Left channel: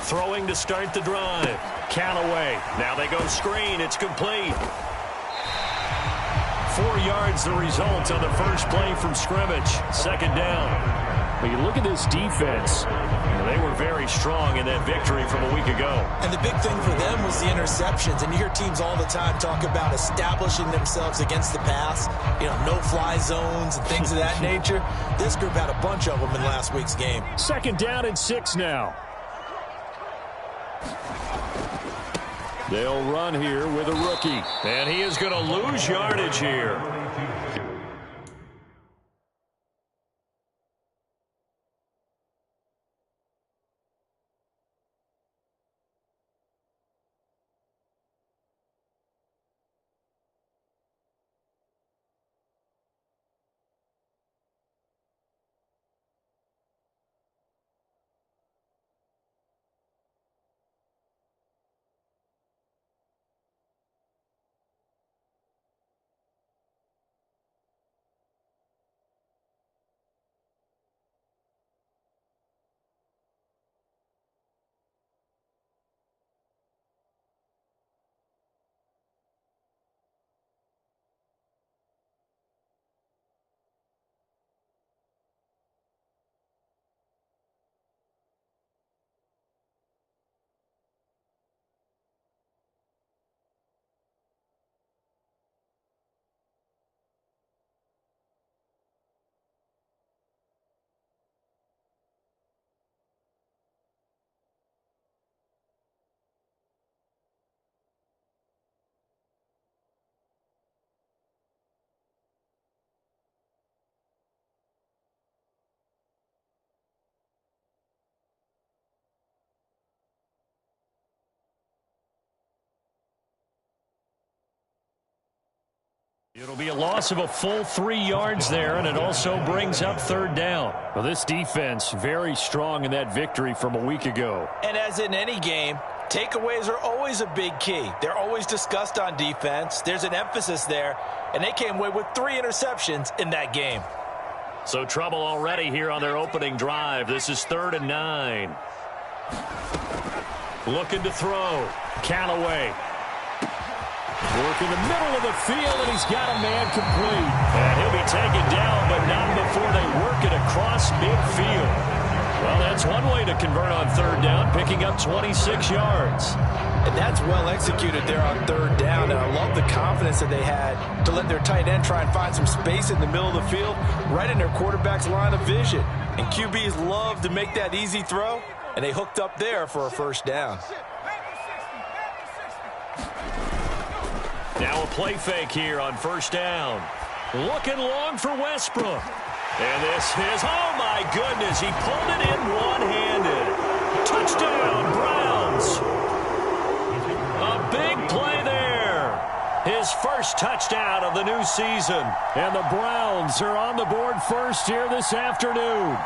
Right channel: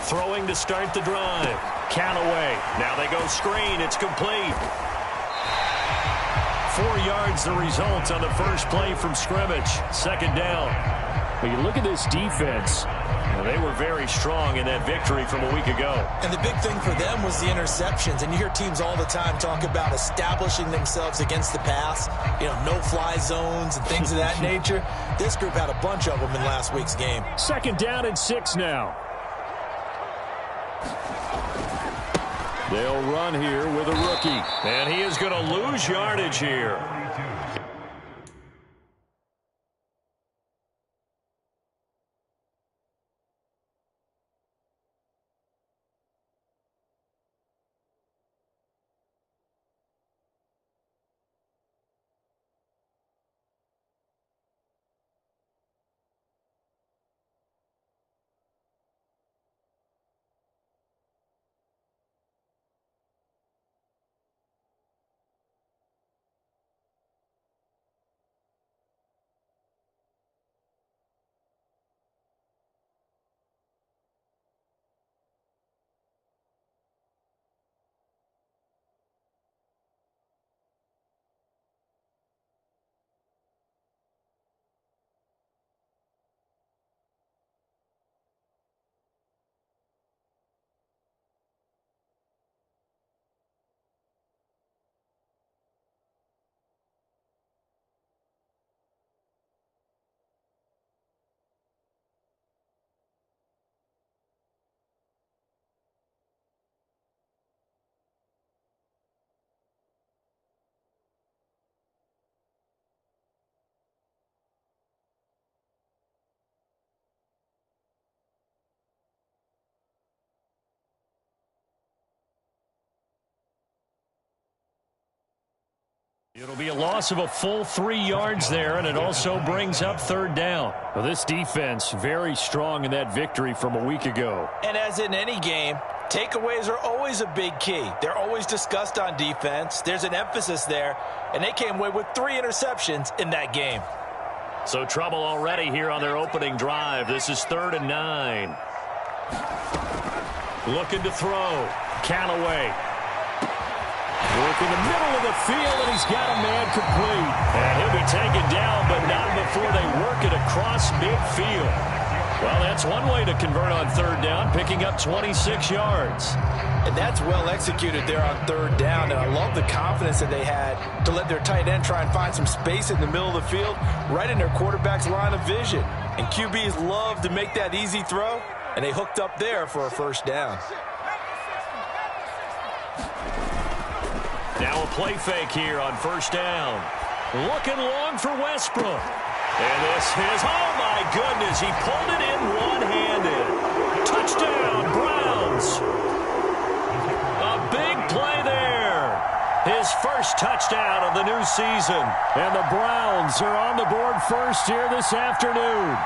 Throwing to start the drive. Count away. Now they go screen. It's complete. 4 yards the result on the first play from scrimmage. Second down. When you look at this defense, they were very strong in that victory from a week ago. And the big thing for them was the interceptions. And you hear teams all the time talk about establishing themselves against the pass, no-fly zones and things of that nature. This group had a bunch of them in last week's game. Second down and 6 now. They'll run here with a rookie. And he is going to lose yardage here. It'll be a loss of a full 3 yards there, and it also brings up third down. Well, this defense very strong in that victory from a week ago. And as in any game, takeaways are always a big key. They're always discussed on defense. There's an emphasis there, and they came away with 3 interceptions in that game. So trouble already here on their opening drive. This is 3rd and 9. Looking to throw. Count away. Work in the middle of the field, and he's got a man complete. And he'll be taken down, but not before they work it across midfield. Well, that's one way to convert on third down, picking up 26 yards. And that's well executed there on third down, and I love the confidence that they had to let their tight end try and find some space in the middle of the field, right in their quarterback's line of vision. And QBs love to make that easy throw, and they hooked up there for a first down. Now a play fake here on first down. Looking long for Westbrook. And this is, oh my goodness, he pulled it in one-handed. Touchdown, Browns. A big play there. His first touchdown of the new season. And the Browns are on the board first here this afternoon.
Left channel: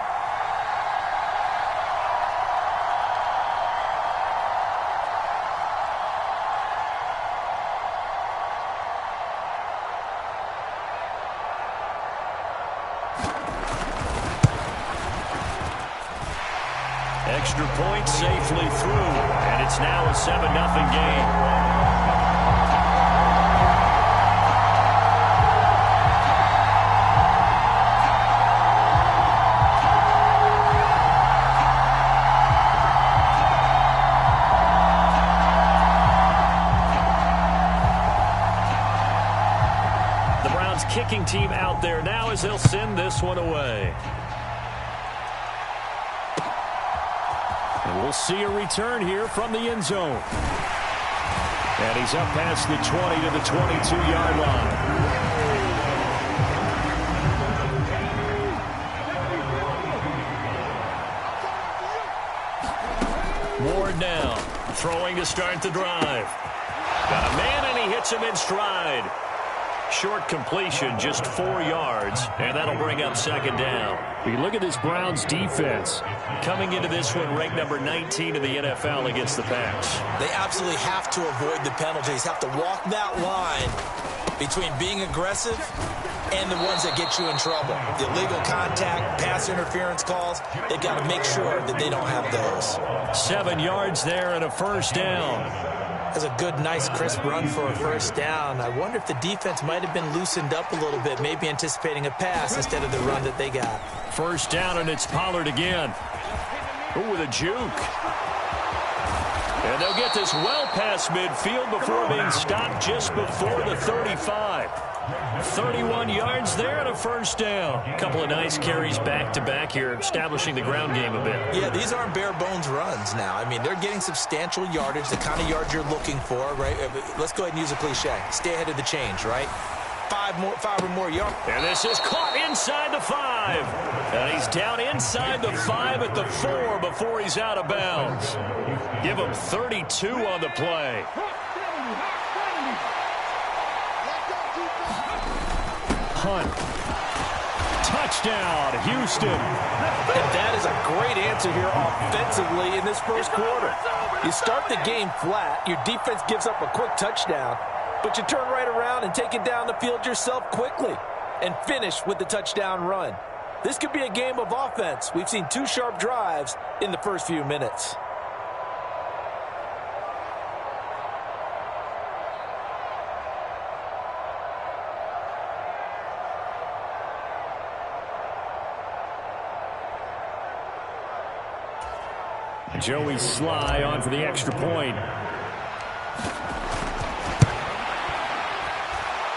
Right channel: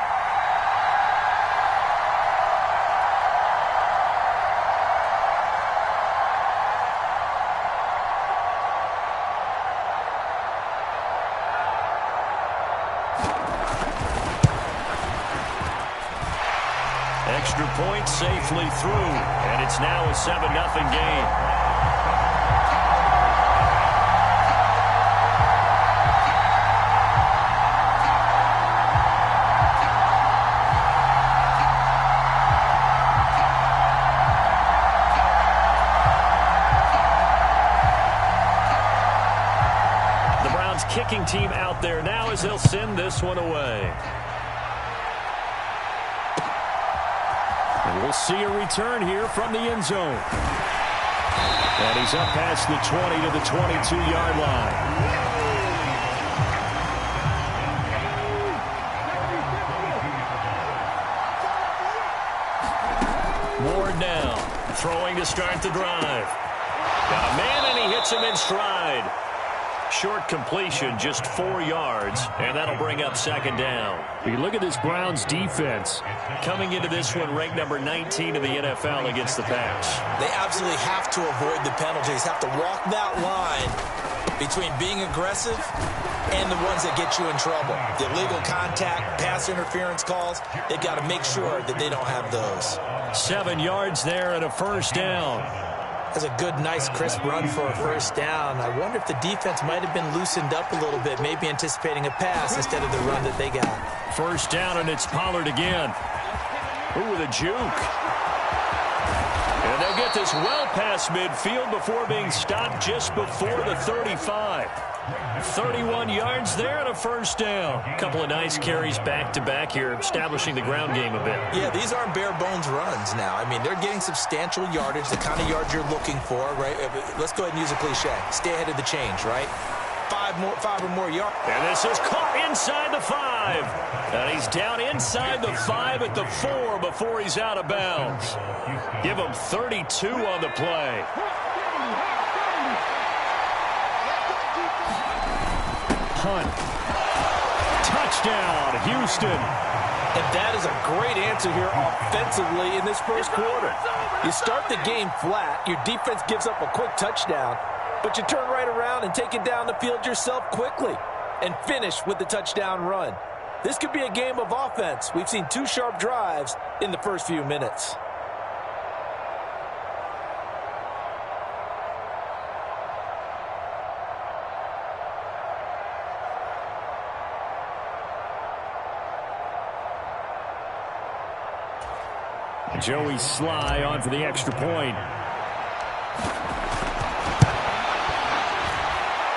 Extra point safely through, and it's now a 7-0 game. The Browns kicking team out there now as they'll send this one away. And we'll see a return here from the end zone. And he's up past the 20 to the 22-yard line. Ward now, throwing to start the drive. Got a man, and he hits him in stride. Short completion, just 4 yards, and that'll bring up second down. You look at this Browns defense. Coming into this one, ranked number 19 in the NFL against the pass. They absolutely have to avoid the penalties, have to walk that line between being aggressive and the ones that get you in trouble. The illegal contact, pass interference calls, they've got to make sure that they don't have those. 7 yards there and a first down. That's a good, nice, crisp run for a first down. I wonder if the defense might have been loosened up a little bit, maybe anticipating a pass instead of the run that they got. First down, and it's Pollard again. Ooh, with a juke. And they'll get this well past midfield before being stopped just before the 35. 31 yards there and a first down. A couple of nice carries back-to-back here, establishing the ground game a bit. Yeah, these aren't bare-bones runs now. I mean, they're getting substantial yardage, the kind of yards you're looking for, right? Let's go ahead and use a cliche. Stay ahead of the change, right? Five or more yards. And this is caught inside the 5. And he's down inside the 5 at the 4 before he's out of bounds. Give him 32 on the play. Punt. Touchdown, Houston. And that is a great answer here offensively in this first quarter. You start the game flat, your defense gives up a quick touchdown, but you turn right around and take it down the field yourself quickly and finish with the touchdown run. This could be a game of offense. We've seen 2 sharp drives in the first few minutes. Joey Sly on for the extra point.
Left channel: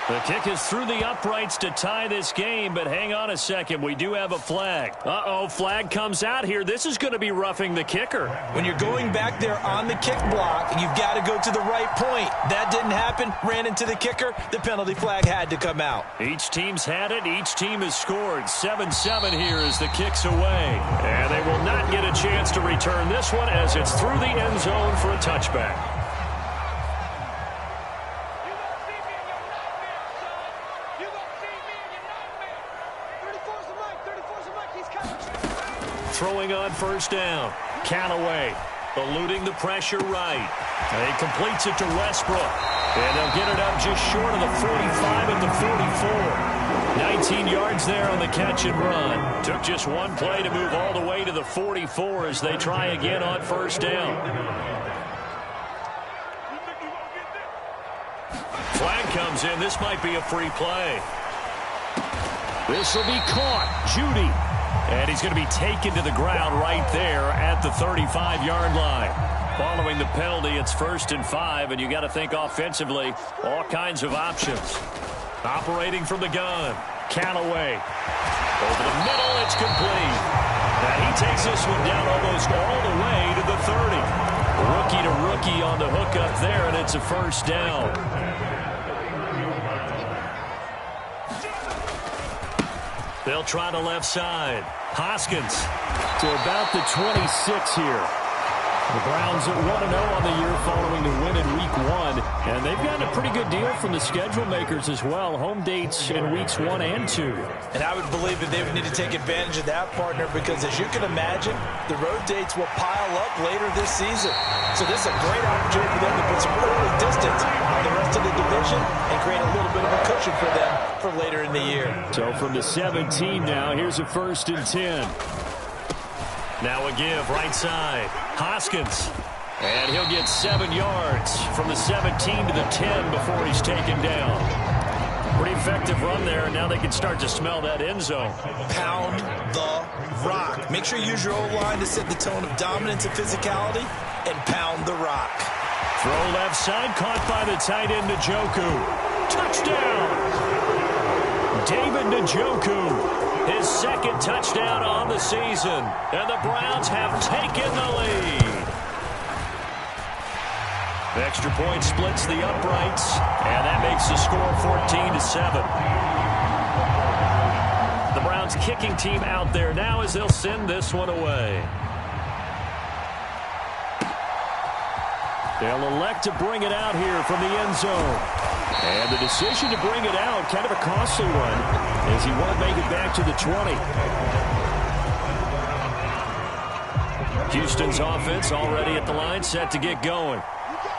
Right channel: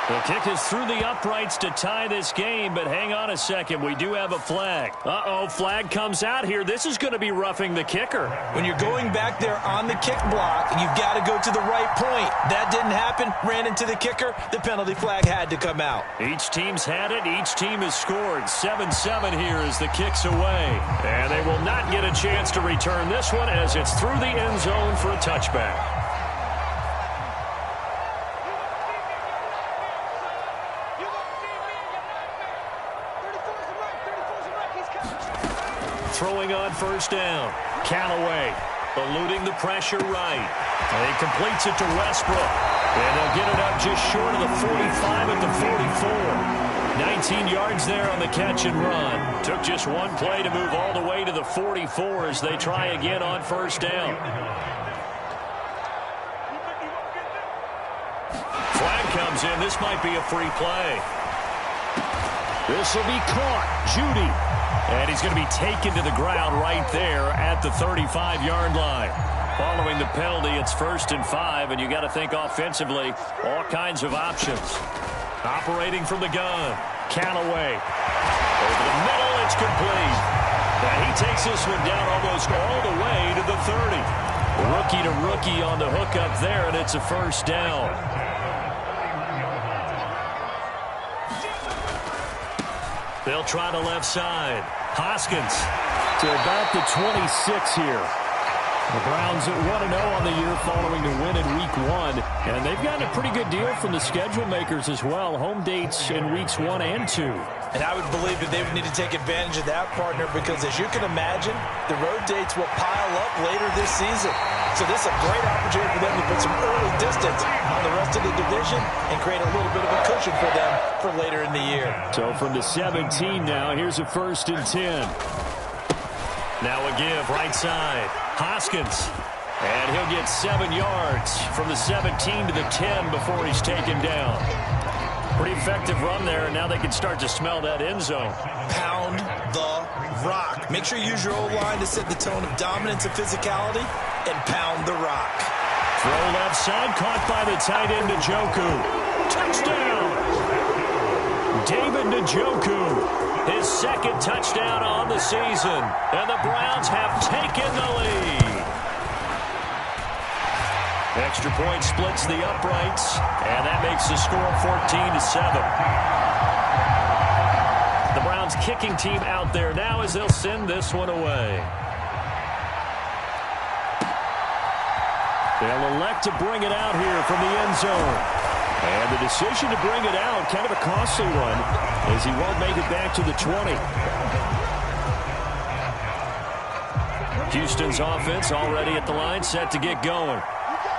The kick is through the uprights to tie this game, but hang on a second. We do have a flag. Uh-oh, flag comes out here. This is going to be roughing the kicker. When you're going back there on the kick block, you've got to go to the right point. That didn't happen. Ran into the kicker. The penalty flag had to come out. Each team's had it. Each team has scored. 7-7 here as the kick's away. And they will not get a chance to return this one as it's through the end zone for a touchback. Throwing on first down. Callaway eluding the pressure right. And he completes it to Westbrook. And they'll get it up just short of the 45 at the 44. 19 yards there on the catch and run. Took just one play to move all the way to the 44 as they try again on first down. Flag comes in. This might be a free play. This will be caught. Judy. And he's going to be taken to the ground right there at the 35-yard line. Following the penalty, it's 1st and 5, and you got to think offensively, all kinds of options. Operating from the gun, Callaway. Over the middle, it's complete. Now he takes this one down almost all the way to the 30. Rookie to rookie on the hook up there, and it's a first down. They'll try the left side. Hoskins to about the 26 here. The Browns at 1-0 on the year following the win in Week 1. And they've gotten a pretty good deal from the schedule makers as well. Home dates in Weeks 1 and 2. And I would believe that they would need to take advantage of that, partner, because as you can imagine, the road dates will pile up later this season. So this is a great opportunity for them to put some early distance on the rest of the division and create a little bit of a cushion for them for later in the year. So from the 17 now, here's a 1st and 10. Now a give right side. Hoskins. And he'll get 7 yards from the 17 to the 10 before he's taken down. Pretty effective run there, and now they can start to smell that end zone. Pound the rock. Make sure you use your O-line to set the tone of dominance and physicality, and pound the rock. Throw left side, caught by the tight end, Njoku. Touchdown! David Njoku, his 2nd touchdown on the season, and the Browns have taken the lead. Extra point splits the uprights, and that makes the score 14-7. The Browns kicking team out there now as they'll send this one away. They'll elect to bring it out here from the end zone. And the decision to bring it out, kind of a costly one, as he won't make it back to the 20. Houston's offense already at the line, set to get going.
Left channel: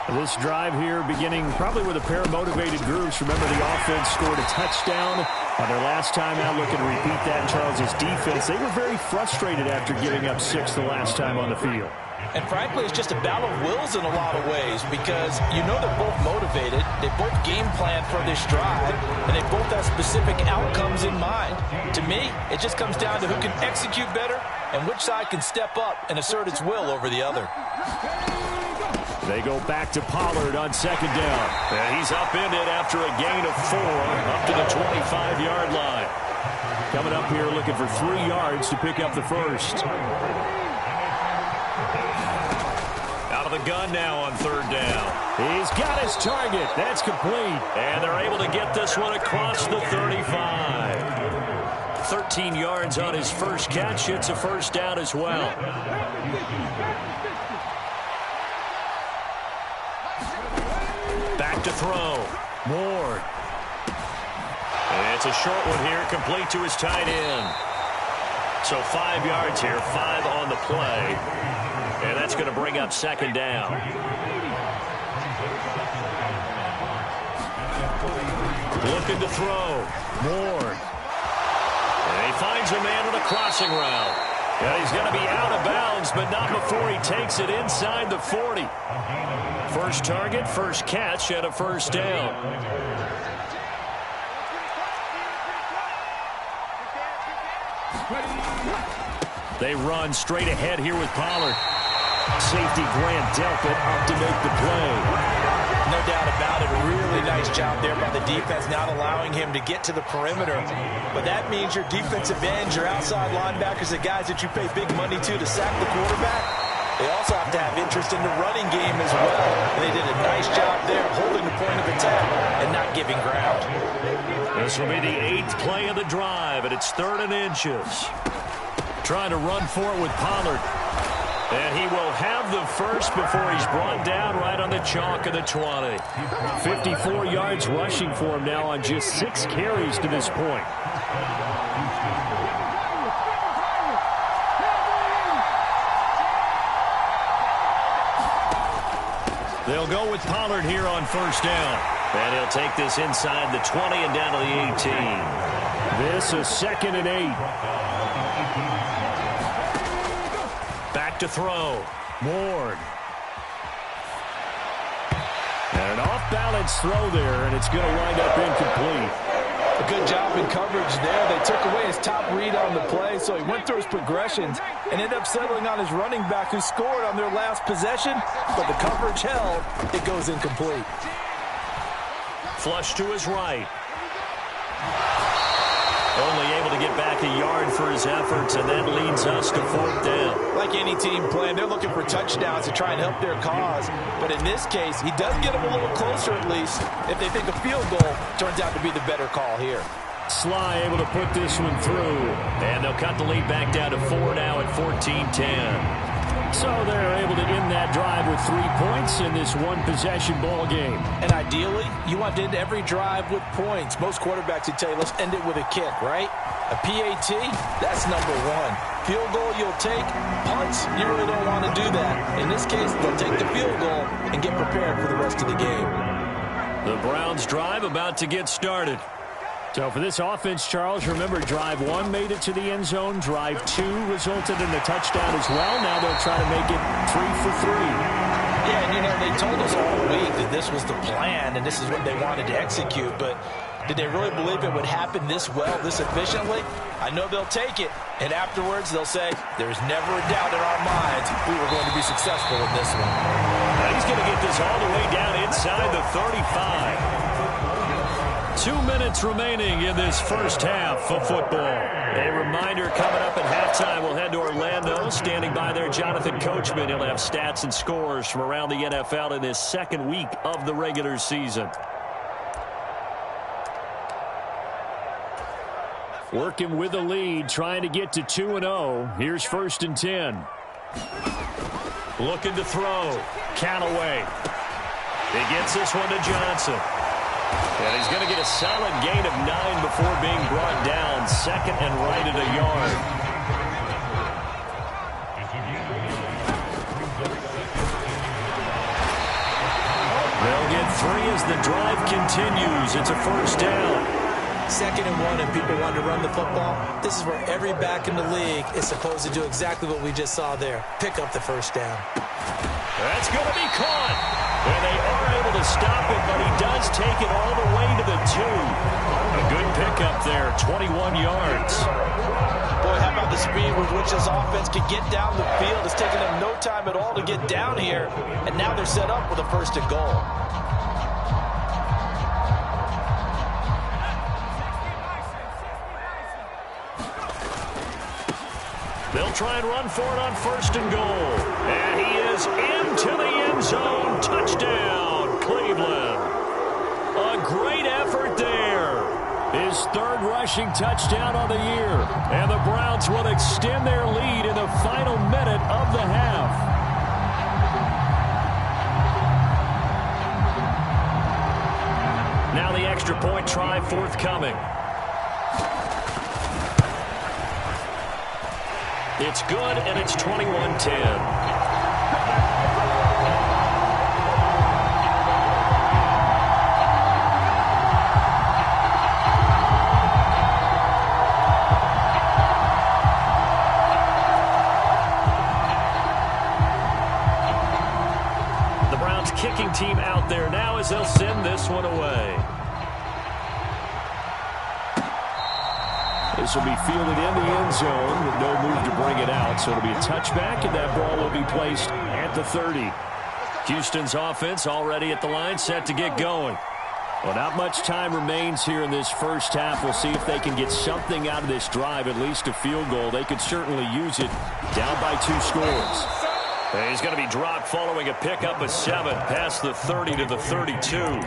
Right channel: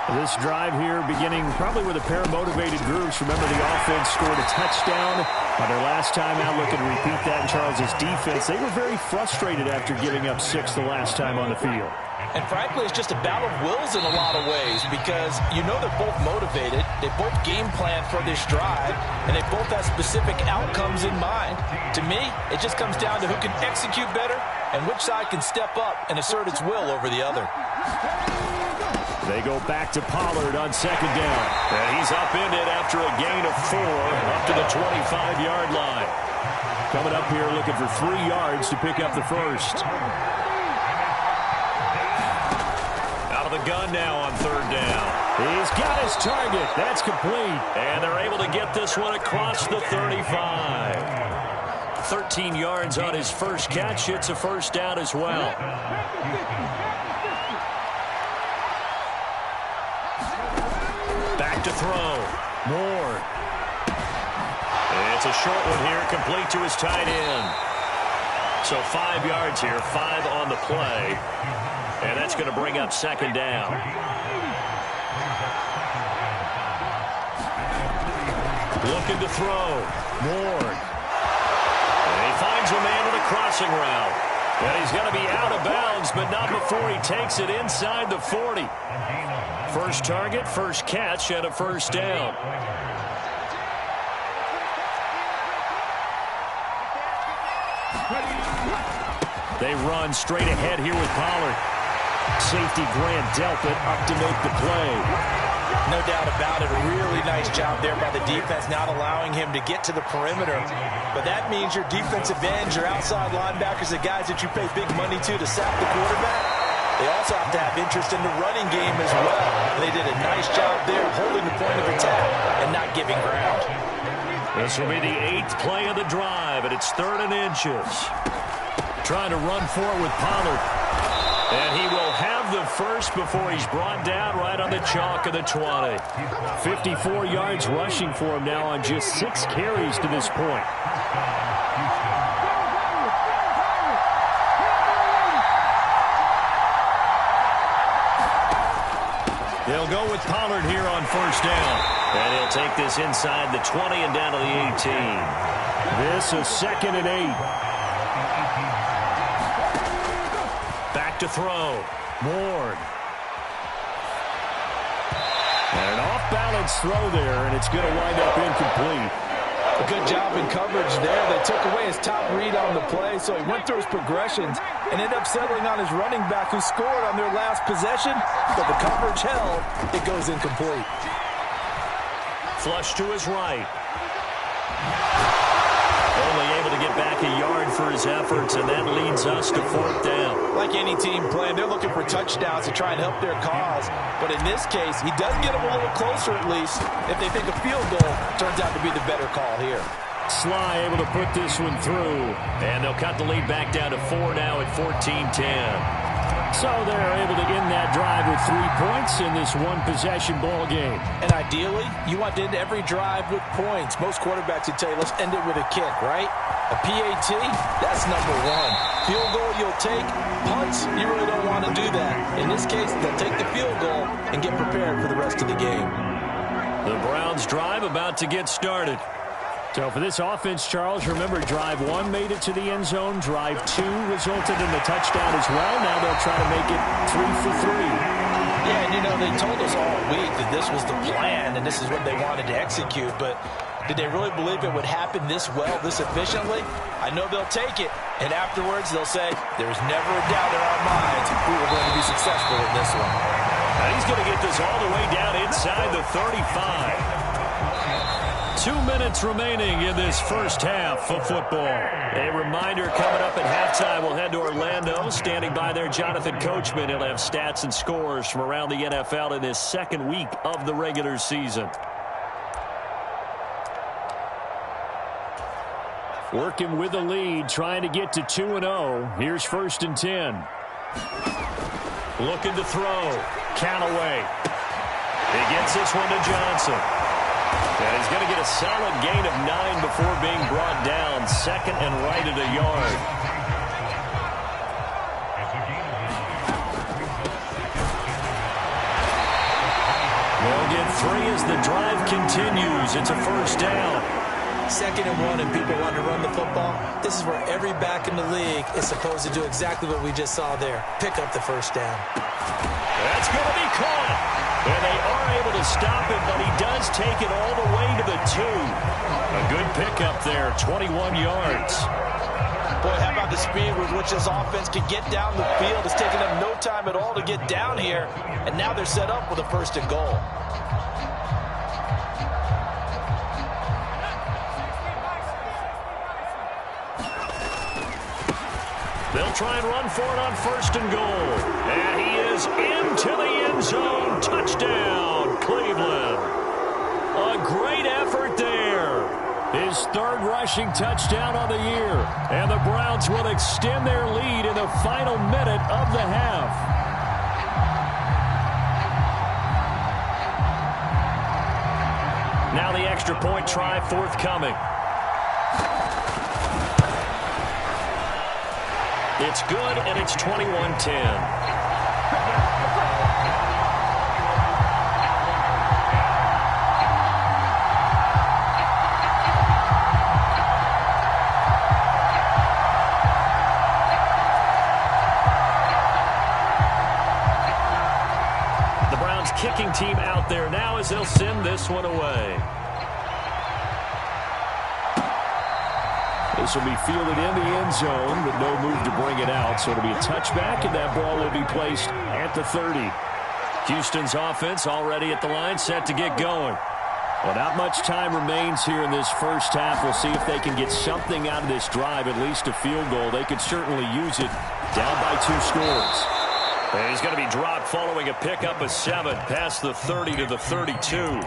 This drive here beginning probably with a pair of motivated groups. Remember, the offense scored a touchdown on their last time out. Looking to repeat that in Charles's defense. They were very frustrated after giving up 6 the last time on the field. And frankly, it's just a battle of wills in a lot of ways because you know they're both motivated. They both game plan for this drive, and they both have specific outcomes in mind. To me, it just comes down to who can execute better and which side can step up and assert its will over the other. They go back to Pollard on second down. And he's upended after a gain of 4 up to the 25-yard line. Coming up here looking for 3 yards to pick up the first. Out of the gun now on third down. He's got his target. That's complete. And they're able to get this one across the 35. 13 yards on his first catch. It's a first down as well. Back to throw. Moore. It's a short one here, complete to his tight end. So 5 yards here, 5 on the play. And that's going to bring up second down. Looking to throw. Moore. And he finds a man with a crossing route. And he's going to be out of bounds, but not before he takes it inside the 40. First target, first catch, and a first down. They run straight ahead here with Pollard. Safety Grant Delpit up to make the play. No doubt about it. A really nice job there by the defense, not allowing him to get to the perimeter. But that means your defensive ends, your outside linebackers, the guys that you pay big money to sack the quarterback, they also have to have interest in the running game as well. And they did a nice job there holding the point of attack and not giving ground. This will be the 8th play of the drive, and it's 3rd and inches. Trying to run for it with Pollard. And he will have the first before he's brought down right on the chalk of the 20. 54 yards rushing for him now on just 6 carries to this point. They'll go with Pollard here on first down. And he'll take this inside the 20 and down to the 18. This is 2nd and 8. Back to throw. Ward. And an off-balance throw there, and it's going to wind up incomplete. A good job in coverage there. They took away his top read on the play, so he went through his progressions and ended up settling on his running back who scored on their last possession, but the coverage held. It goes incomplete. Flush to his right. Only able to get back a yard for his efforts, and that leads us to 4th down. Like any team playing, they're looking for touchdowns to try and help their cause. But in this case, he does get them a little closer at least if they think a field goal turns out to be the better call here. Sly able to put this one through. And they'll cut the lead back down to 4 now at 14-10. So they're able to end that drive with 3 points in this one-possession ball game. And ideally, you want to end every drive with points. Most quarterbacks would tell you, let's end it with a kick, right? A PAT, that's number 1. Field goal you'll take. Punts, you really don't want to do that. In this case, they'll take the field goal and get prepared for the rest of the game. The Browns drive about to get started. So for this offense, Charles, remember, drive 1 made it to the end zone. Drive 2 resulted in a touchdown as well. Now they'll try to make it 3 for 3. Yeah, and you know, they told us all week that this was the plan and this is what they wanted to execute. But did they really believe it would happen this well, this efficiently? I know they'll take it. And afterwards, they'll say, there's never a doubt in our minds we were going to be successful in this one. Now he's going to get this all the way down inside the 35. 2 minutes remaining in this first half of football. A reminder, coming up at halftime, we'll head to Orlando. Standing by there, Jonathan Coachman. He'll have stats and scores from around the NFL in this second week of the regular season. Working with the lead, trying to get to 2-0. Here's 1st and 10. Looking to throw. Callaway. He gets this one to Johnson. And he's going to get a solid gain of 9 before being brought down. 2nd and right at a yard. They'll get 3 as the drive continues. It's a first down. 2nd and 1, and people want to run the football. This is where every back in the league is supposed to do exactly what we just saw there. Pick up the first down. That's going to be caught. And they are able to stop it, but he does take it all the way to the 2. A good pickup there, 21 yards. Boy, how about the speed with which this offense can get down the field? It's taken them no time at all to get down here, and now they're set up with a 1st and goal. They'll try and run for it on 1st and goal. And he is into the end zone. Touchdown, Cleveland. A great effort there. His 3rd rushing touchdown on the year. And the Browns will extend their lead in the final minute of the half. Now the extra point try forthcoming. It's good, and it's 21-10. The Browns kicking team out there now as they'll send this one away. This will be fielded in the end zone with no move to bring it out. So it'll be a touchback, and that ball will be placed at the 30. Houston's offense already at the line, set to get going. Well, not much time remains here in this first half. We'll see if they can get something out of this drive, at least a field goal. They could certainly use it. Down by 2 scores. And he's going to be dropped following a pickup of 7 past the 30 to the 32.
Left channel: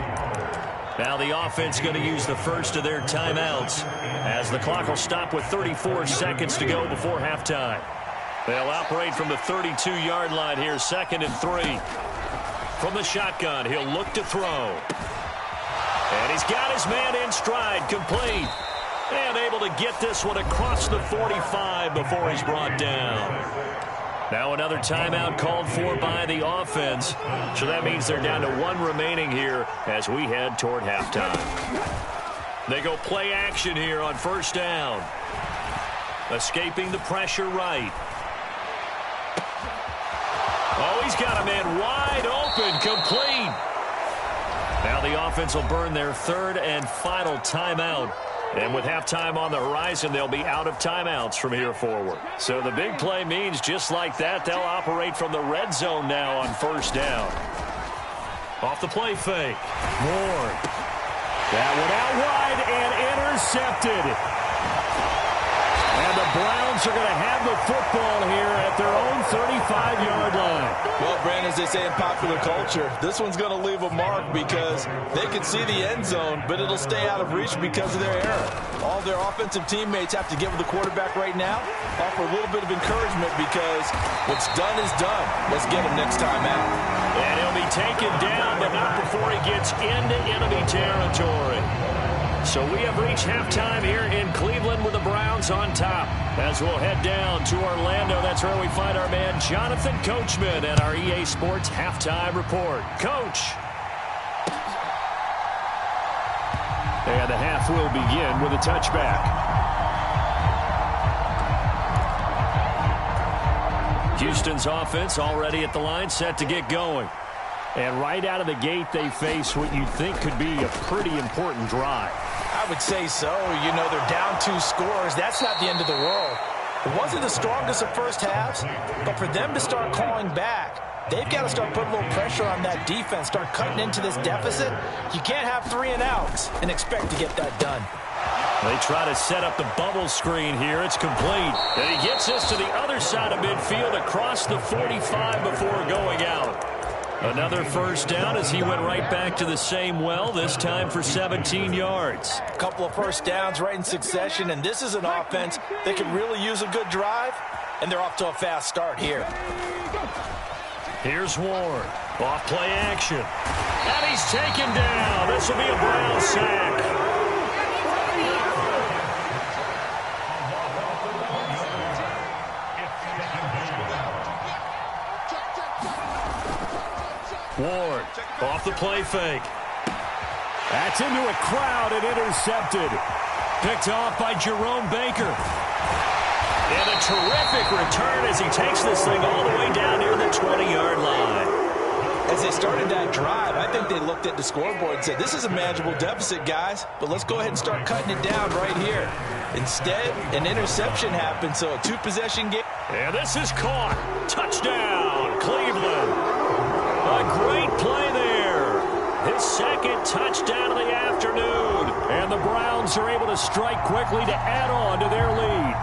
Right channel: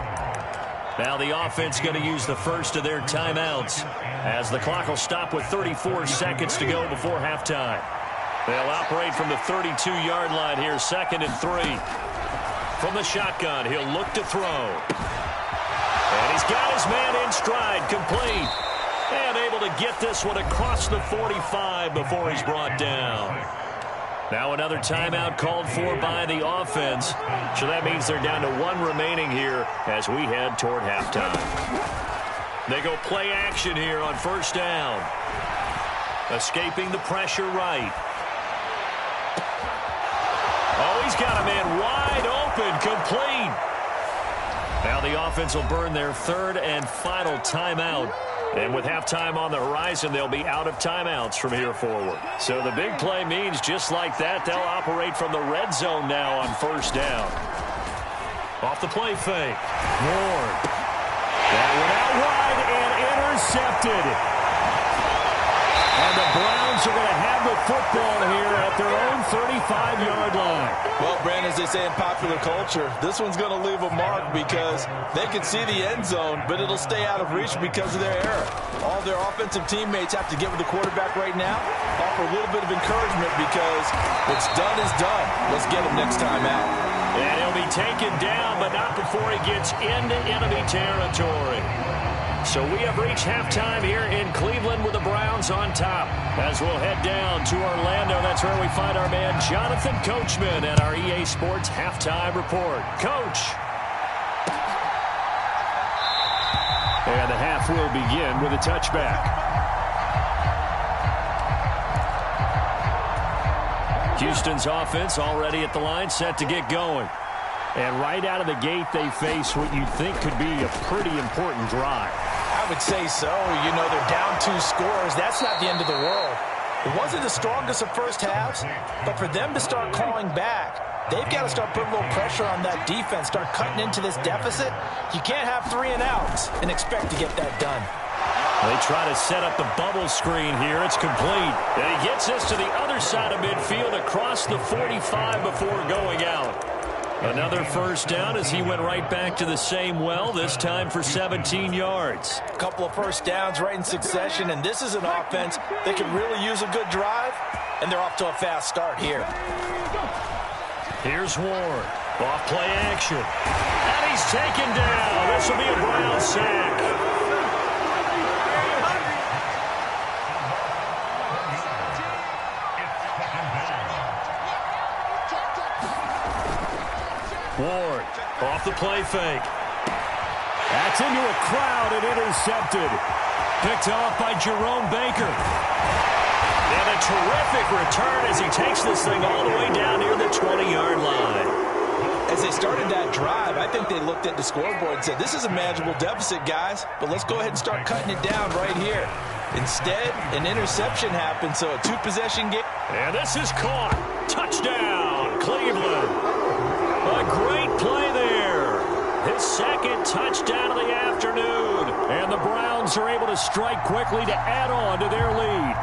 Now the offense going to use the first of their timeouts as the clock will stop with 34 seconds to go before halftime. They'll operate from the 32-yard line here, 2nd and 3. From the shotgun, he'll look to throw. And he's got his man in stride, complete. And able to get this one across the 45 before he's brought down. Now another timeout called for by the offense. So that means they're down to 1 remaining here as we head toward halftime. They go play action here on 1st down. Escaping the pressure right. Oh, he's got a man wide open, complete. Now the offense will burn their 3rd and final timeout. And with halftime on the horizon, they'll be out of timeouts from here forward. So the big play means just like that, they'll operate from the red zone now on 1st down. Off the play fake. Ward. That one out wide and intercepted. And the Browns are going to have the football here at their own 35-yard line. Well, Brandon, as they say in popular culture, this one's going to leave a mark because they can see the end zone, but it'll stay out of reach because of their error. All their offensive teammates have to get with the quarterback right now, offer a little bit of encouragement because what's done is done. Let's get him next time out. And he'll be taken down, but not before he gets into enemy territory. So we have reached halftime here in Cleveland with the Browns on top. As we'll head down to Orlando, that's where we find our man Jonathan Coachman at our EA Sports Halftime Report. Coach. And the half will begin with a touchback. Houston's offense already at the line, set to get going. And right out of the gate, they face what you'd think could be a pretty important drive. I would say so. You know, they're down 2 scores. That's not the end of the world. It wasn't the strongest of first halves, but for them to start clawing back, they've got to start putting a little pressure on that defense, start cutting into this deficit. You can't have 3 and outs and expect to get that done. They try to set up the bubble screen here. It's complete. And he gets this to the other side of midfield across the 45 before going out. Another first down as he went right back to the same well, this time for 17 yards. A couple of first downs right in succession, and this is an offense that can really use a good drive, and they're off to a fast start here. Here's Ward. Off play action. And he's taken down. This will be a Brown sack. Ward off the play fake. That's into a crowd and intercepted. Picked off by Jerome Baker. And a terrific return as he takes this thing all the way down near the 20-yard line. As they started that drive, I think they looked at the scoreboard and said, this is a manageable deficit, guys, but let's go ahead and start cutting it down right here. Instead, an interception happened, so a two-possession game. And this is caught. Touchdown, Cleveland. A great play there. His second touchdown of the afternoon. And the Browns are able to strike quickly to add on to their lead.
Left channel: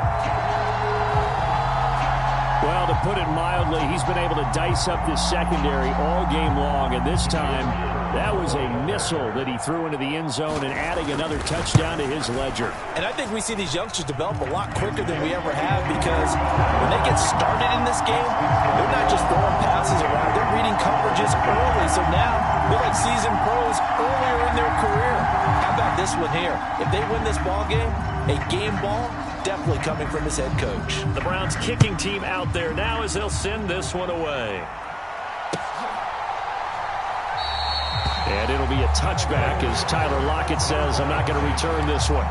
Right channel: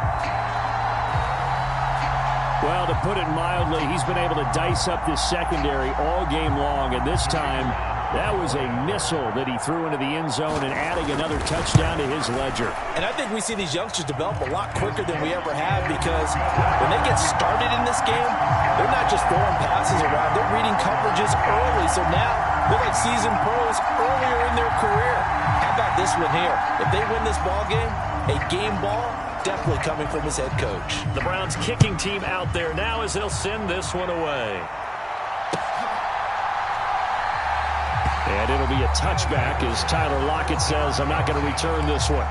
Well, to put it mildly, he's been able to dice up this secondary all game long, and this time that was a missile that he threw into the end zone and adding another touchdown to his ledger. And I think we see these youngsters develop a lot quicker than we ever have, because when they get started in this game, they're not just throwing passes around, they're reading coverages early. So now they're like seasoned pros earlier in their career. How about this one here? If they win this ball game, a game ball, definitely coming from his head coach. The Browns kicking team out there now as they'll send this one away. And it'll be a touchback as Tyler Lockett says, I'm not going to return this one.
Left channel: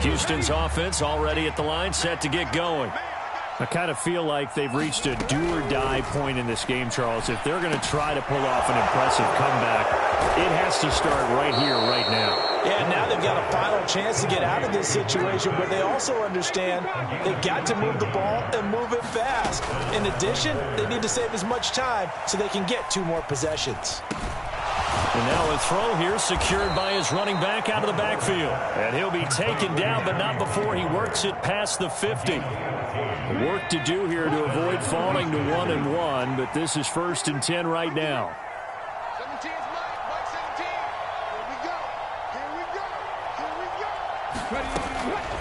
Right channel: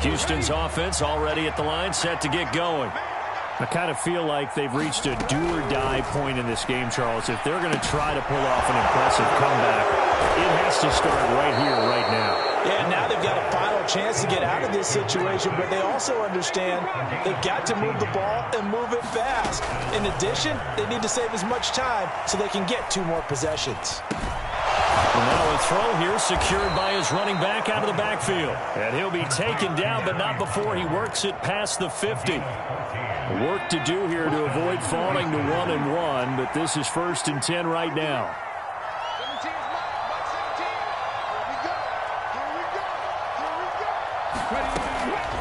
Houston's offense already at the line, set to get going. I kind of feel like they've reached a do-or-die point in this game, Charles. If they're going to try to pull off an impressive comeback, it has to start right here, right now. Yeah, now they've got a final chance to get out of this situation, but they also understand they've got to move the ball and move it fast. In addition, they need to save as much time so they can get 2 more possessions. And now a throw here secured by his running back out of the backfield. And he'll be taken down, but not before he works it past the 50. Work to do here to avoid falling to 1-1, but this is 1st and 10 right now. 17 is Mike 17. Here we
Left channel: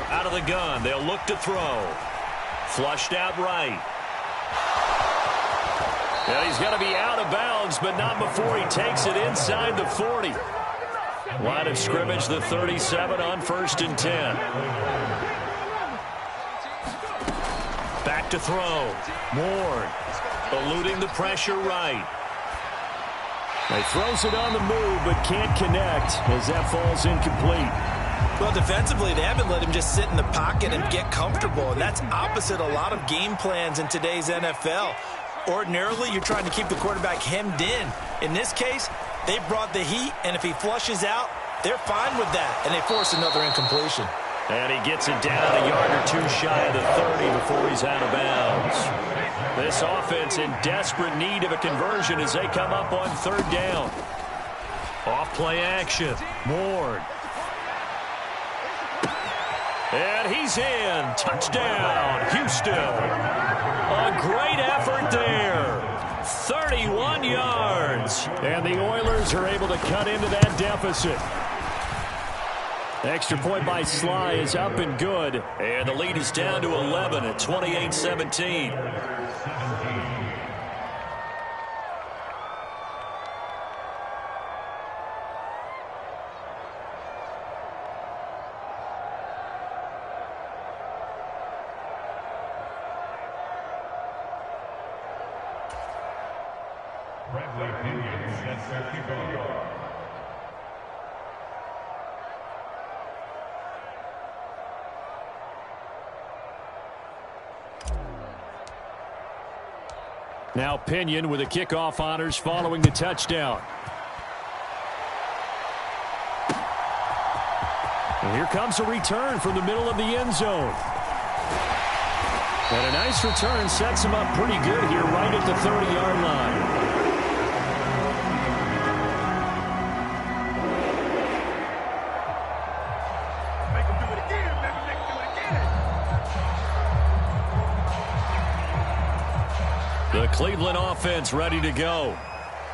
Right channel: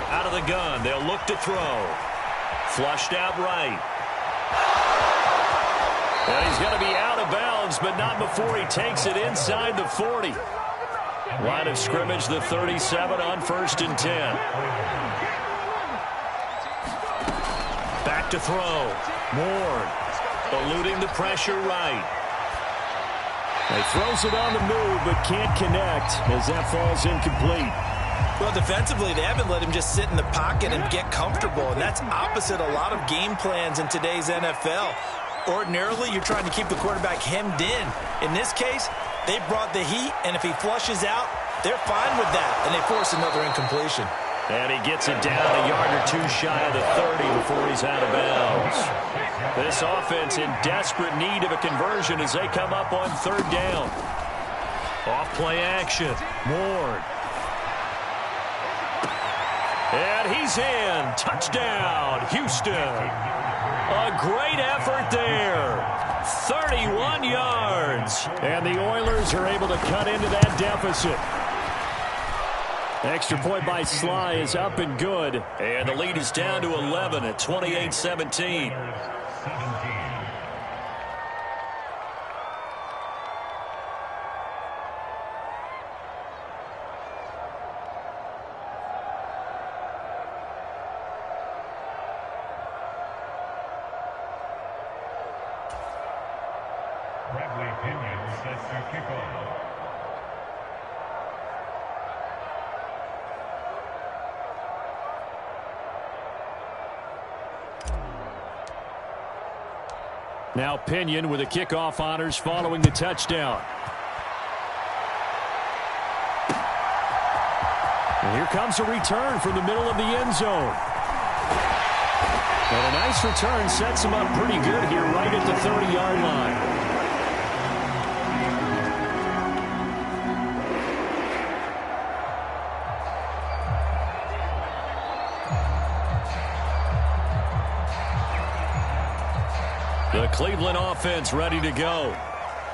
go. Out of the gun, they'll look to throw. Flushed out right. And he's going to be out of bounds, but not before he takes it inside the 40. Line of scrimmage, the 37 on 1st and 10. Back to throw. Ward eluding the pressure right. He throws it on the move, but can't connect as that falls incomplete. Well, defensively, they haven't let him just sit in the pocket and get comfortable, and that's opposite a lot of game plans in today's NFL. Ordinarily, you're trying to keep the quarterback hemmed in. In this case, they brought the heat, and if he flushes out, they're fine with that, and they force another incompletion. And he gets it down a yard or 2 shy of the 30 before he's out of bounds. This offense in desperate need of a conversion as they come up on 3rd down. Off play action. Ward. And he's in. Touchdown, Houston. A great effort there. 31 yards. And the Oilers are able to cut into that deficit. Extra point by Sly is up and good. And the lead is down to 11 at 28-17. Bradley Pinion sets the kickoff. Now Pinion with the kickoff honors following the touchdown. And here comes a return from the middle of the end zone. And a nice return sets him up pretty good here right at the 30-yard line. The Cleveland offense ready to go.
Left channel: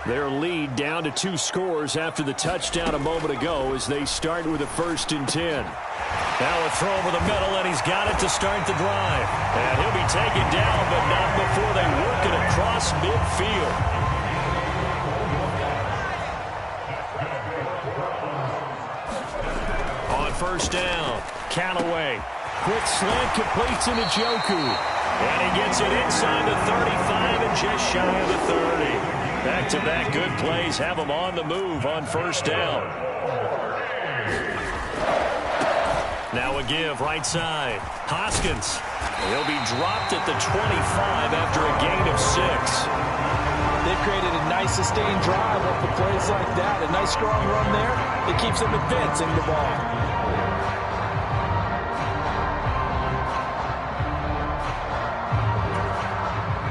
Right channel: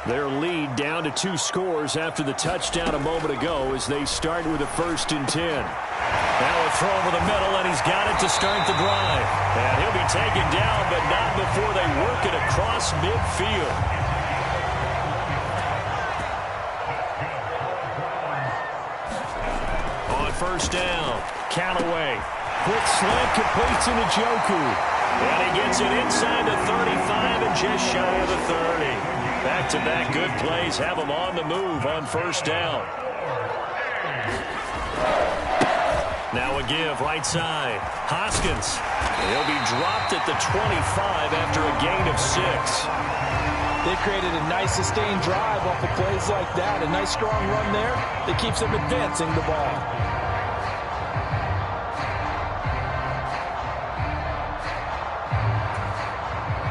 Their lead down to 2 scores after the touchdown a moment ago as they start with a 1st and 10. Now a throw over the middle, and he's got it to start the drive. And he'll be taken down, but not before they work it across midfield. On first down. Callaway. Quick slant completes into Njoku. And he gets it inside the 35 and just shy of the 30. Back-to-back good plays have him on the move on first down. Now a give right side. Hoskins. He'll be dropped at the 25 after a gain of 6. They've created a nice sustained drive off of plays like that. A nice strong run there that keeps them advancing the ball.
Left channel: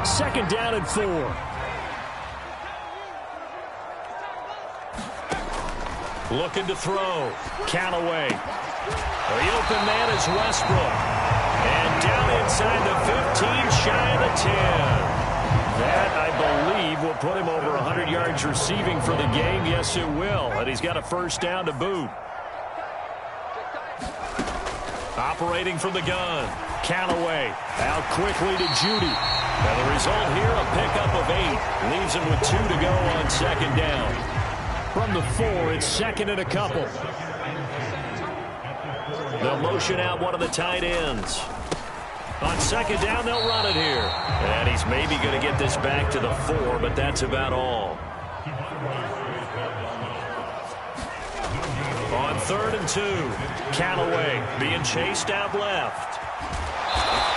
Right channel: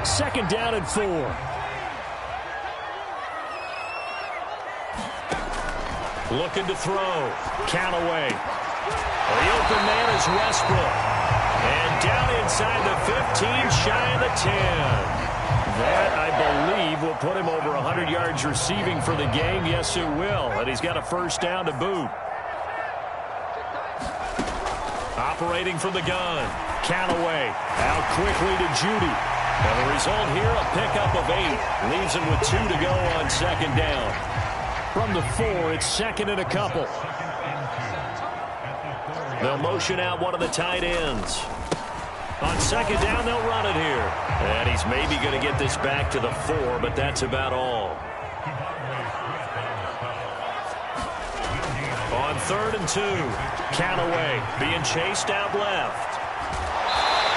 Second down and 4. Looking to throw. Callaway. The open man is Westbrook. And down inside the 15, shy of the 10. That, I believe, will put him over 100 yards receiving for the game. Yes, it will. And he's got a first down to boot. Operating from the gun. Callaway out quickly to Judy. And the result here, a pickup of 8. Leaves him with 2 to go on second down. From the 4, it's second and a couple. They'll motion out one of the tight ends. On second down, they'll run it here. And he's maybe going to get this back to the 4, but that's about all. On third and 2, Callaway being chased out left.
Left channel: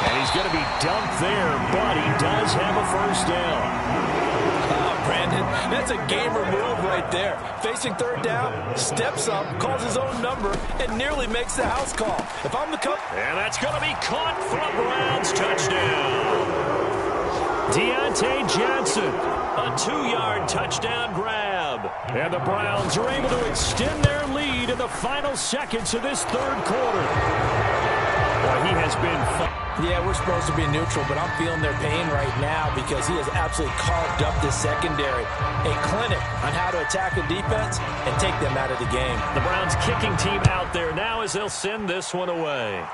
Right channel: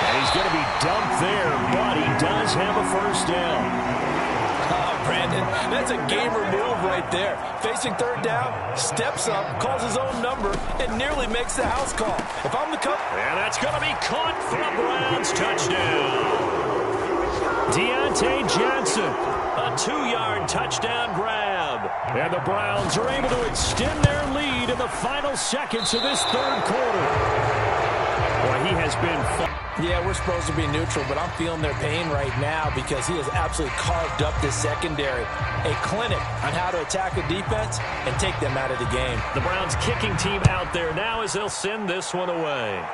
And he's going to be dumped there, but he does have a first down. Brandon, that's a gamer move right there. Facing third down, steps up, calls his own number, and nearly makes the house call. If I'm the coach... And that's going to be caught for a Browns touchdown. Deontay Johnson, a 2-yard touchdown grab. And the Browns are able to extend their lead in the final seconds of this third quarter. Boy, he has been fun. Yeah, we're supposed to be neutral, but I'm feeling their pain right now because he has absolutely carved up this secondary. A clinic on how to attack a defense and take them out of the game. The Browns kicking team out there now as they'll send this one away.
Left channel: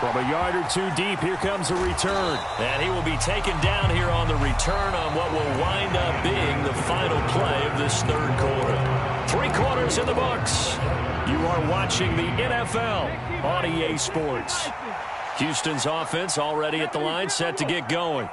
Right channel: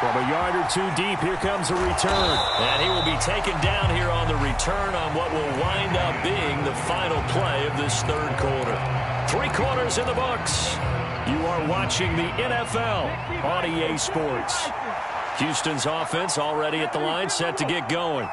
From a yard or 2 deep, here comes a return. And he will be taken down here on the return on what will wind up being the final play of this third quarter. 3 quarters in the books. You are watching the NFL on EA Sports. Houston's offense already at the line, set to get going.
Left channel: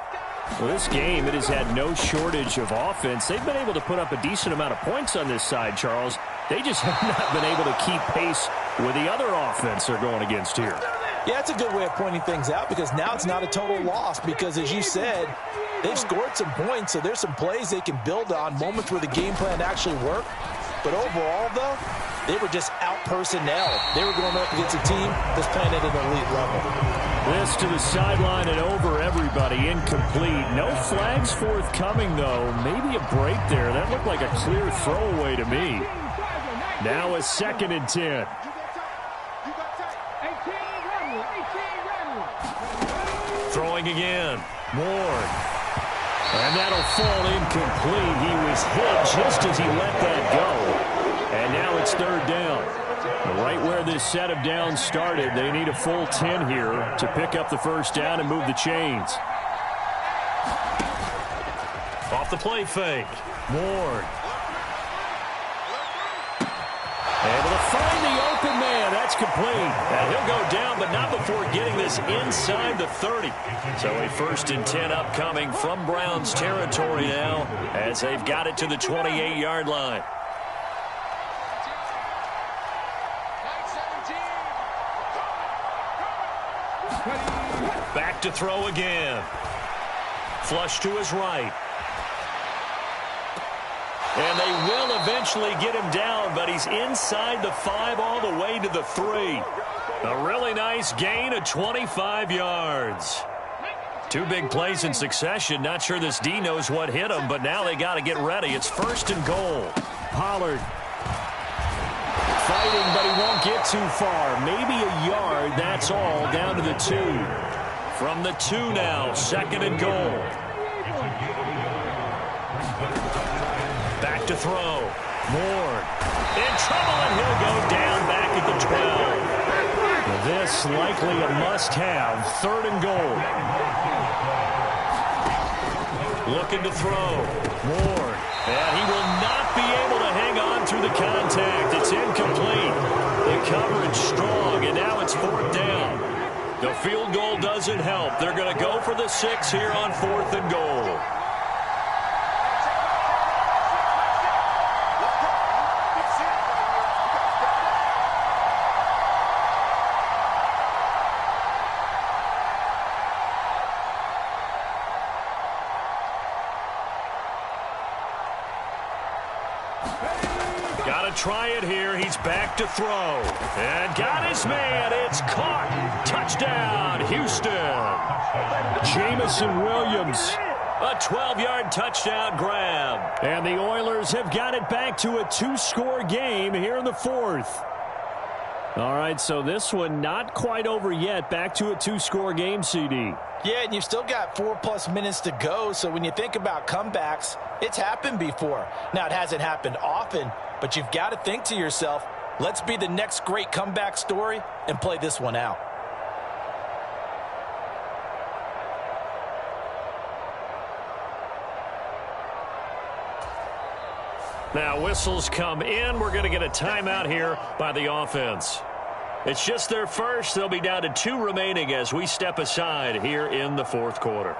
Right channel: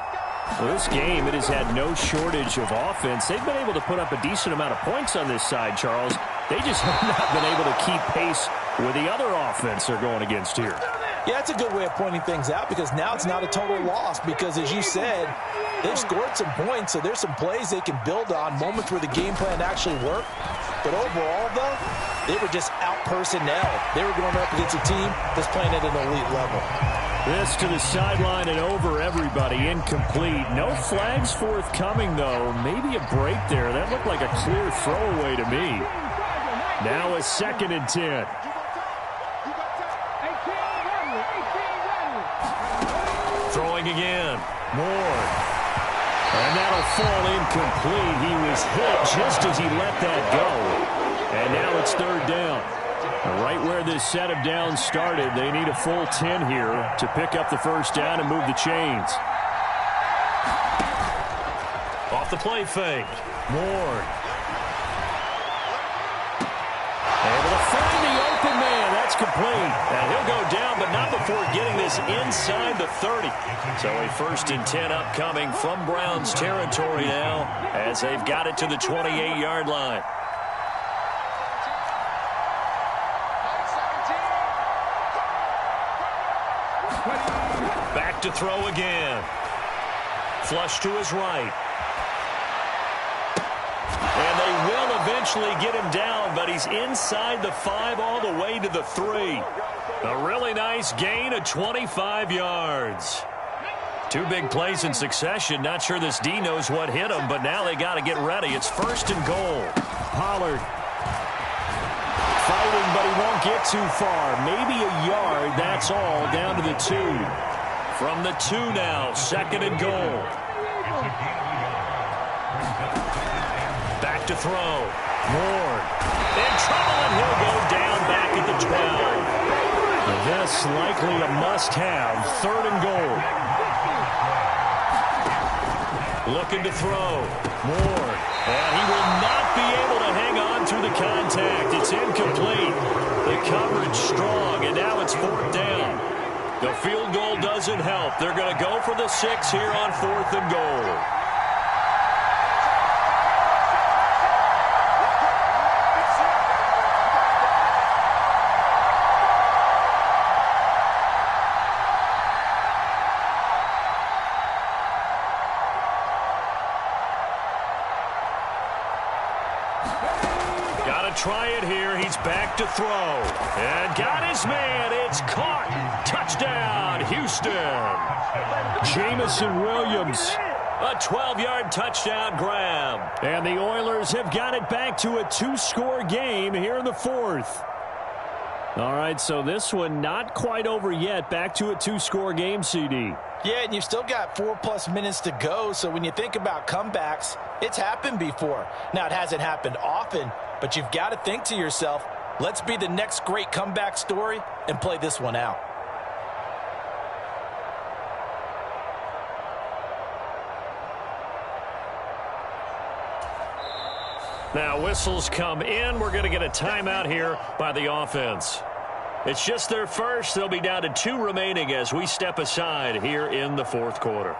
Well, this game, it has had no shortage of offense. They've been able to put up a decent amount of points on this side, Charles. They just have not been able to keep pace with the other offense they're going against here. Yeah, that's a good way of pointing things out because now it's not a total loss because, as you said, they've scored some points, so there's some plays they can build on, moments where the game plan actually worked. But overall, though, they were just out-personnel. They were going up against a team that's playing at an elite level. This to the sideline and over everybody. Incomplete. No flags forthcoming, though. Maybe a break there. That looked like a clear throwaway to me. Now a second and 10. Throwing again. Ward. And that'll fall incomplete. He was hit just as he let that go. And now it's third down. Right where this set of downs started, they need a full 10 here to pick up the first down and move the chains. Off the play fake. Ward. Able to find the open man. That's complete. And he'll go down, but not before getting this inside the 30. So a first and 10 upcoming from Browns territory now as they've got it to the 28-yard line. Back to throw again. Flush to his right. And they will eventually get him down, but he's inside the 5 all the way to the 3. A really nice gain of 25 yards. 2 big plays in succession. Not sure this D knows what hit him, but now they got to get ready. It's first and goal. Pollard fighting, but he won't get too far. Maybe a yard, that's all, down to the 2. From the 2 now, second and goal. Back to throw. Ward in trouble, and he'll go down back at the 12. This likely a must-have. Third and goal. Looking to throw. Ward. And he will not be able to hang on through the contact. It's incomplete. The coverage strong, and now it's 4th down. The field goal doesn't help. They're going to go for the 6 here on 4th and goal. Got to try it here. He's back to throw. And got his man. It's caught. Touchdown, Houston. Jamison Williams. A 12-yard touchdown grab. And the Oilers have got it back to a 2-score game here in the 4th. All right, so this one not quite over yet. Back to a 2-score game, CD. Yeah, and you've still got 4+ minutes to go, so when you think about comebacks, it's happened before. Now, it hasn't happened often, but you've got to think to yourself, let's be the next great comeback story and play this one out. Now, whistles come in. We're going to get a timeout here by the offense. It's just their first. They'll be down to 2 remaining as we step aside here in the 4th quarter.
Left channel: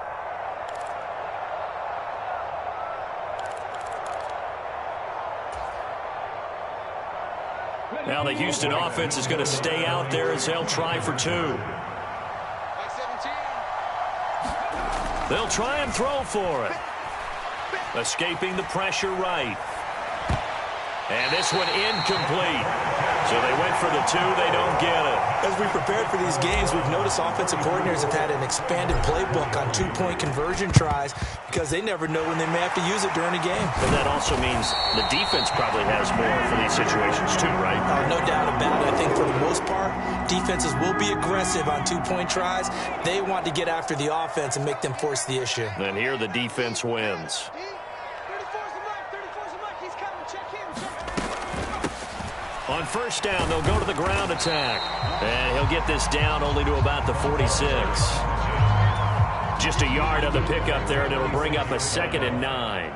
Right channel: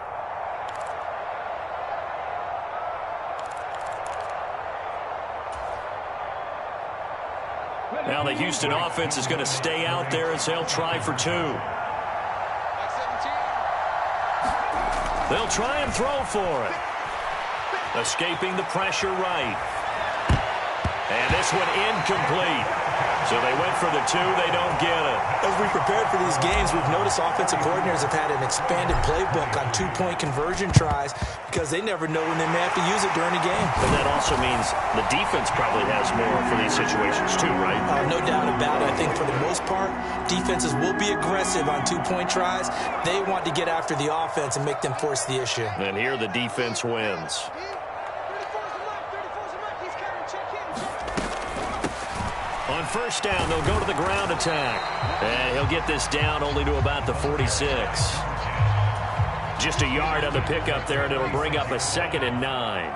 Now the Houston offense is going to stay out there as they'll try for 2. They'll try and throw for it. Escaping the pressure right. And this one incomplete. So they went for the 2. They don't get it. As we prepared for these games, we've noticed offensive coordinators have had an expanded playbook on 2-point conversion tries because they never know when they may have to use it during a game. But that also means the defense probably has more for these situations too, right? No doubt about it. I think for the most part, defenses will be aggressive on 2-point tries. They want to get after the offense and make them force the issue. And here the defense wins. On 1st down, they'll go to the ground attack. And he'll get this down only to about the 46. Just a yard on the pickup there, and it'll bring up a 2nd and 9.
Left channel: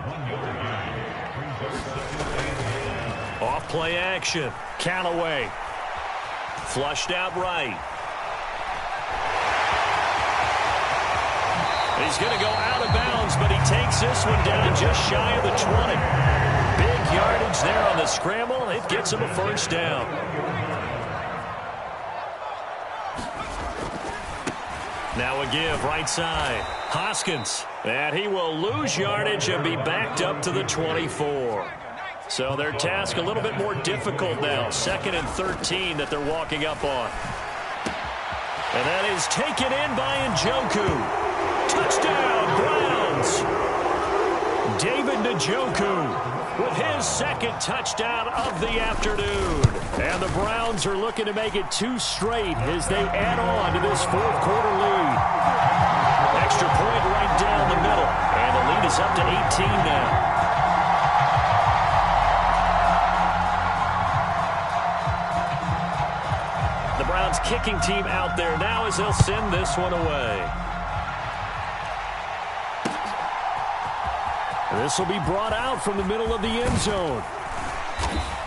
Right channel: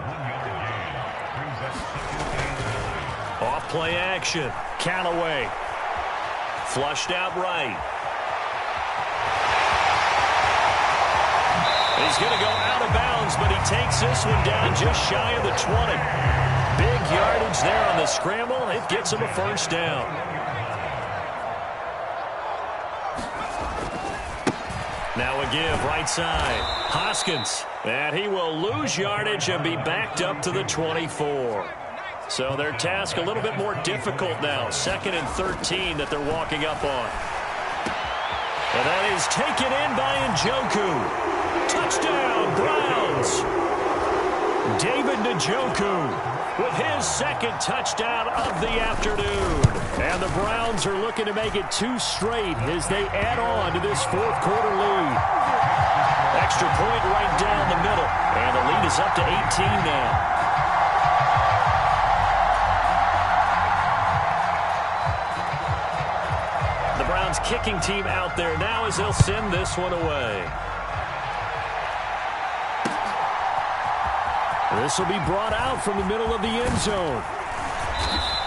Off play action. Callaway. Flushed out right. He's going to go out of bounds, but he takes this one down just shy of the 20. Big yardage there on the scramble. It gets him a 1st down. Now a give right side. Hoskins. And he will lose yardage and be backed up to the 24. So their task a little bit more difficult now. 2nd and 13 that they're walking up on. And that is taken in by Njoku. Touchdown, Browns. David Njoku with his 2nd touchdown of the afternoon. And the Browns are looking to make it 2 straight as they add on to this 4th quarter lead. Extra point right down the middle. And the lead is up to 18 now. The Browns kicking team out there now as they'll send this one away. This will be brought out from the middle of the end zone.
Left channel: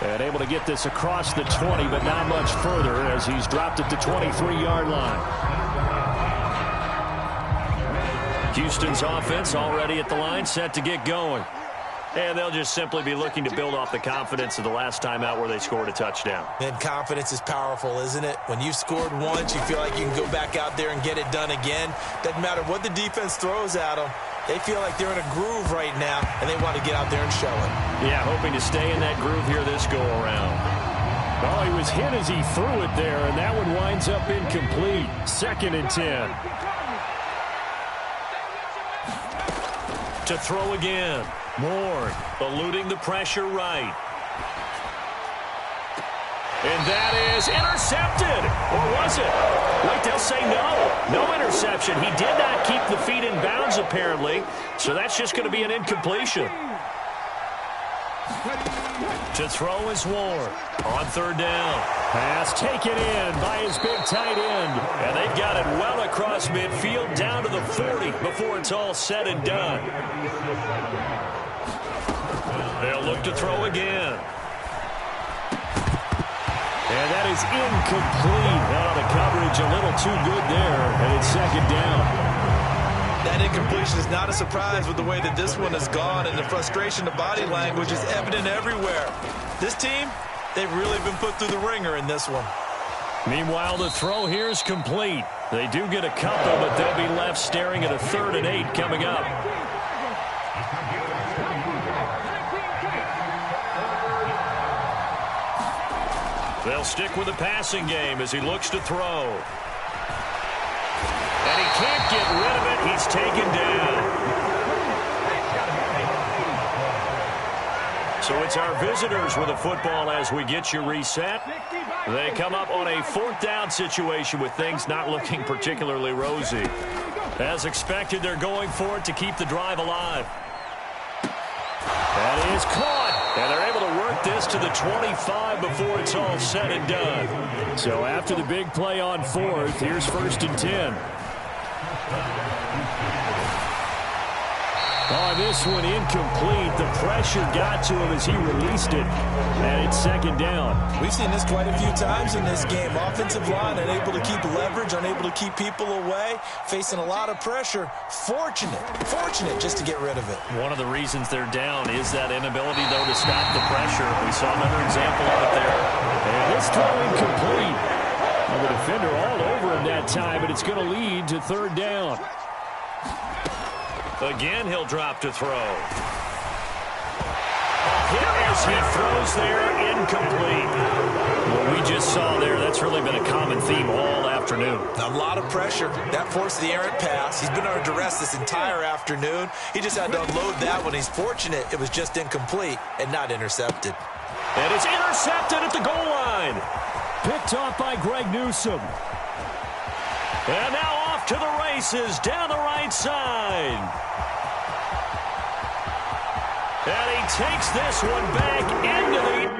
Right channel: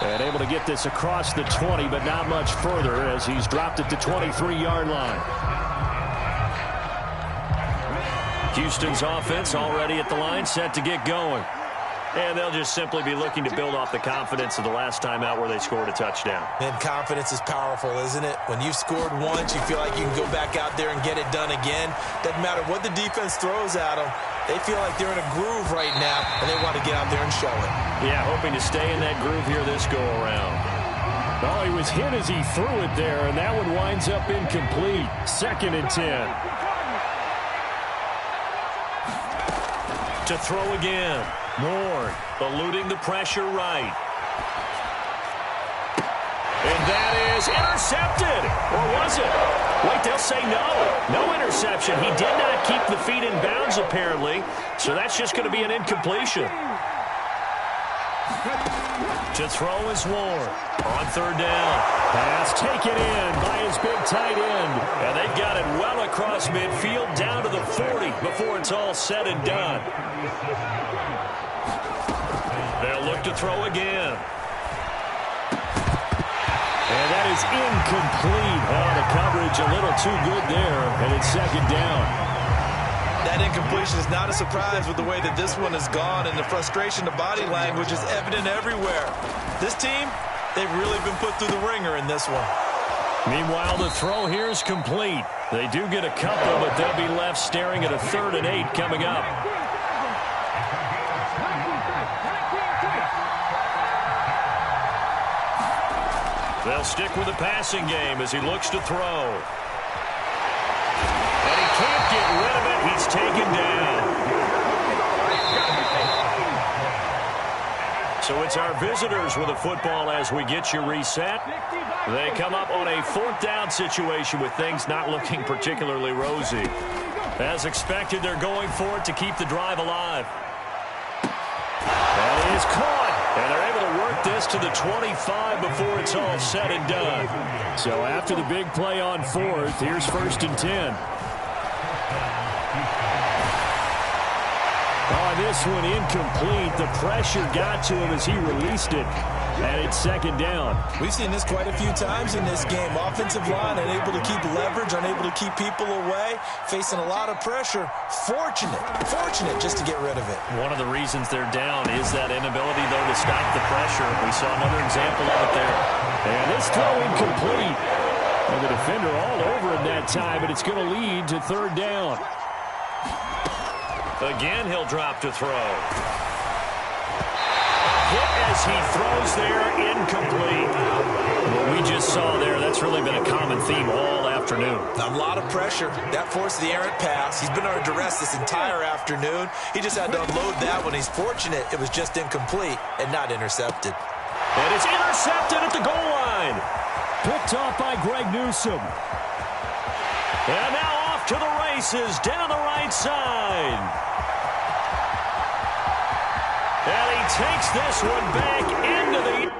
And able to get this across the 20, but not much further as he's dropped it to 23-yard line. Houston's offense already at the line, set to get going. And they'll just simply be looking to build off the confidence of the last time out where they scored a touchdown. And confidence is powerful, isn't it? When you've scored once, you feel like you can go back out there and get it done again. Doesn't matter what the defense throws at them. They feel like they're in a groove right now, and they want to get out there and show it. Yeah, hoping to stay in that groove here this go-around. Oh, he was hit as he threw it there, and that one winds up incomplete. 2nd and 10. To throw again. Moore eluding the pressure right. And that is intercepted. Or was it? Wait, they'll say no. No interception. He did not keep the feet in bounds, apparently. So that's just going to be an incompletion. To throw is Ward. On 3rd down. Pass taken in by his big tight end. And they've got it well across midfield down to the 40 before it's all said and done. They'll look to throw again. And that is incomplete. Oh, the coverage a little too good there, and it's second down. That incompletion is not a surprise with the way that this one has gone, and the frustration, the body language is evident everywhere. This team, they've really been put through the ringer in this one. Meanwhile, the throw here is complete. They do get a couple, but they'll be left staring at a 3rd and 8 coming up. They'll stick with the passing game as he looks to throw. And he can't get rid of it. He's taken down. So it's our visitors with the football as we get you reset. They come up on a 4th down situation with things not looking particularly rosy. As expected, they're going for it to keep the drive alive. That is caught. And they're able to work this to the 25 before it's all said and done. So after the big play on 4th, here's 1st and 10. Oh, this one incomplete. The pressure got to him as he released it. And it's 2nd down. We've seen this quite a few times in this game. Offensive line unable to keep leverage, unable to keep people away, facing a lot of pressure. Fortunate just to get rid of it. One of the reasons they're down is that inability, though, to stop the pressure. We saw another example of it there. And this throw incomplete. And the defender all over him that time, but it's going to lead to 3rd down. Again, he'll drop to throw. Hit as he throws there, incomplete. What we just saw there, that's really been a common theme all afternoon. A lot of pressure. That forced the errant pass. He's been under duress this entire afternoon. He just had to unload that one. He's fortunate it was just incomplete and not intercepted. And it's intercepted at the goal line. Picked off by Greg Newsome. And now off to the races down the right side. And he takes this one back into the...